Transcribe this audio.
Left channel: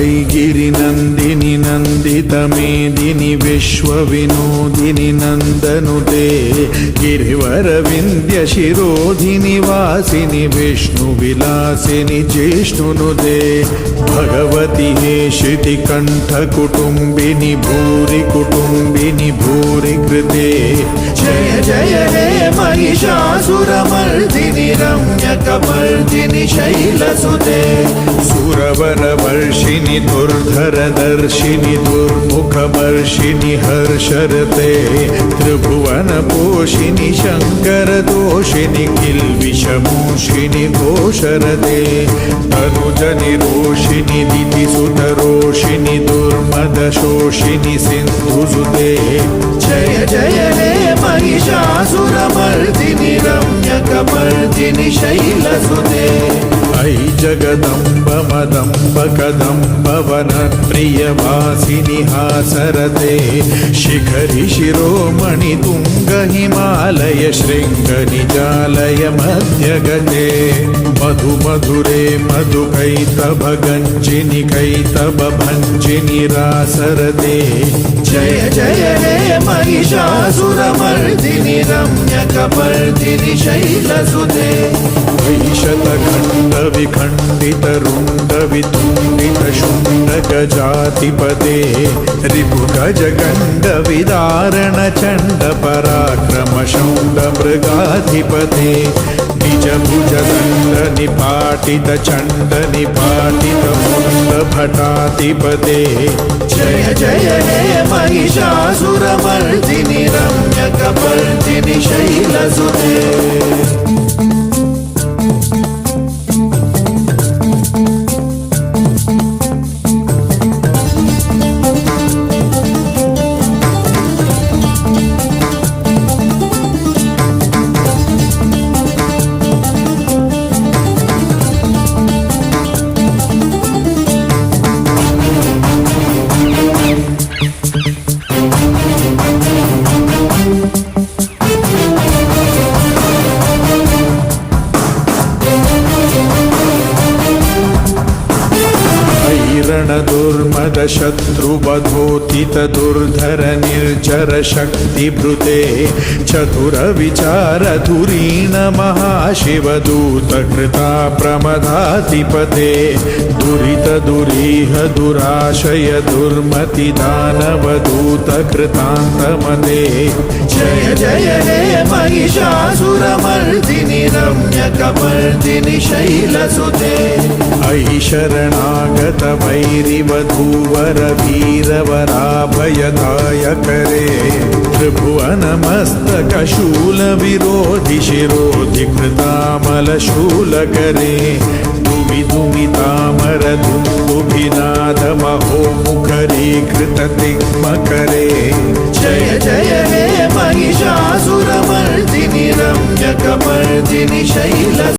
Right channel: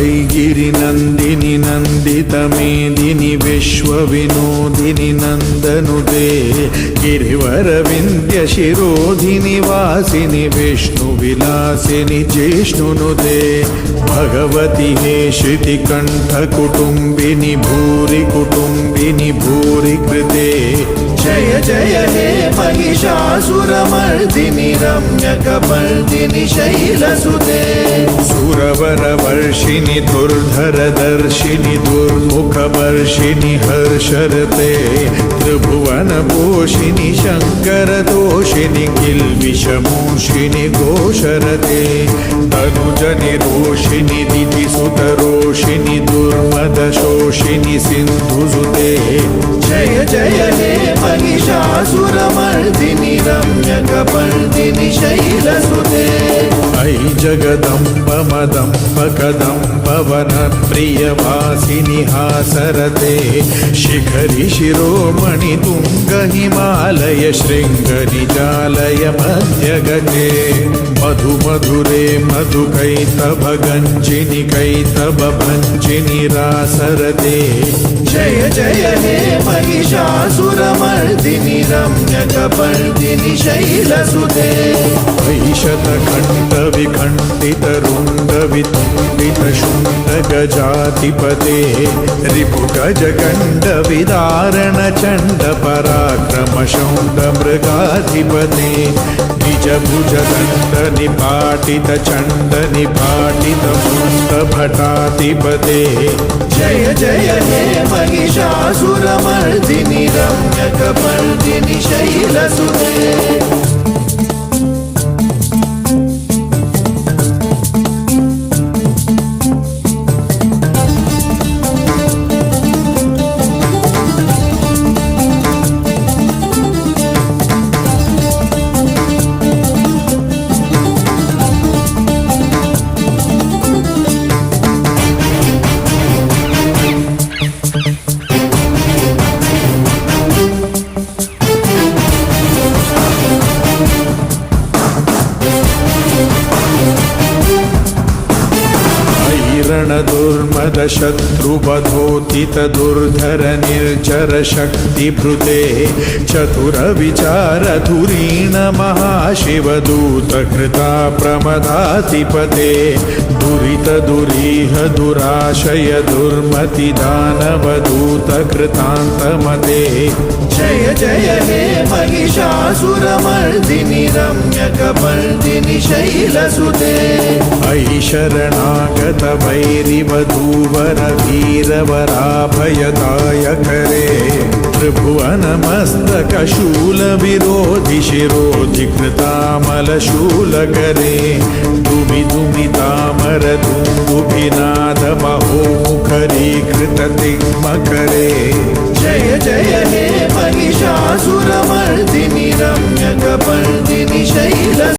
वैगिरिनन्दिनि नन्दितमेदिनि विश्वविनोदिनि नन्दनुते गिरिवरविन्द्यशिरोधिनि वासिनि विष्णुविलासिनि जिष्णुनुते भगवति हे श्रुतिकण्ठकुटुम्बिनि भूरि कुटुम्बिनि भूरि कृते जय जय हे महिषासुरमर्दिनि रम्यकपर्दिनि शैलसुते सुरवरवर्षिणि दुर्धरदर्शिनि दुर्मुखवर्षिणि हर्षरते त्रिभुवनपोषिणि शङ्करदोषिणि किल्बिषमूषिणि घोषरते तनुजनिरोषिणि दितिसुतरोषिणि दुर्मदशोषिणि सिन्धुसुते जय जय हे महिषासुरमर्दिनि रम्यकपर्दिनि शैलसुते अयि जगदम्ब मदम्ब कदम्ब वनप्रियवासिनि हासरते शिखरि शिरोमणि तुङ्ग हिमालय शृङ्गनिजालय मध्यगते मधु मधुरे मधु कैतव गञ्जिनि कैतव भञ्जिनि रासरते जय जय हे महिषासुरमर्दिनि रम्यकपर्दिनि शैलसुते शतखण्ड विखण्डित रुण्ड वितुण्डित शुण्ड गजाधिपते रिपुगज गण्ड विदारण चण्ड पराक्रम शौण्ड मृगाधिपते निज भुज दण्ड निपाटित चण्ड निपाटित मुण्ड भटाधिपते जय जय हे महिषासुरमर्दिनि रम्यकपर्दिनि शैलसुते दुर्मद शत्रुवनोतित दुर्धर निर्जर शक्तिभृते चतुर विचार धुरीण महाशिवदूत कृता प्रमदाधिपते दुरित दुरीह दुराशय दुर्मति दानवदूत कृतान्तमते जय जय हे महिषासुरमर्दिनि रम्यकपर्दिनि शैलसुते अयि शरणागत वैरिवधूवर वीरवराभयदायकरे त्रिभुवनमस्तकशूल विरोधि शिरोधि कृतामलशूलकरे दुमि दुमि तामर दुन्दुभिनाद महोमुखरी कृततिग्मकरे जय जय हे महिषासुरमर्दिनि रम्यकपर्दिनि शैलसुते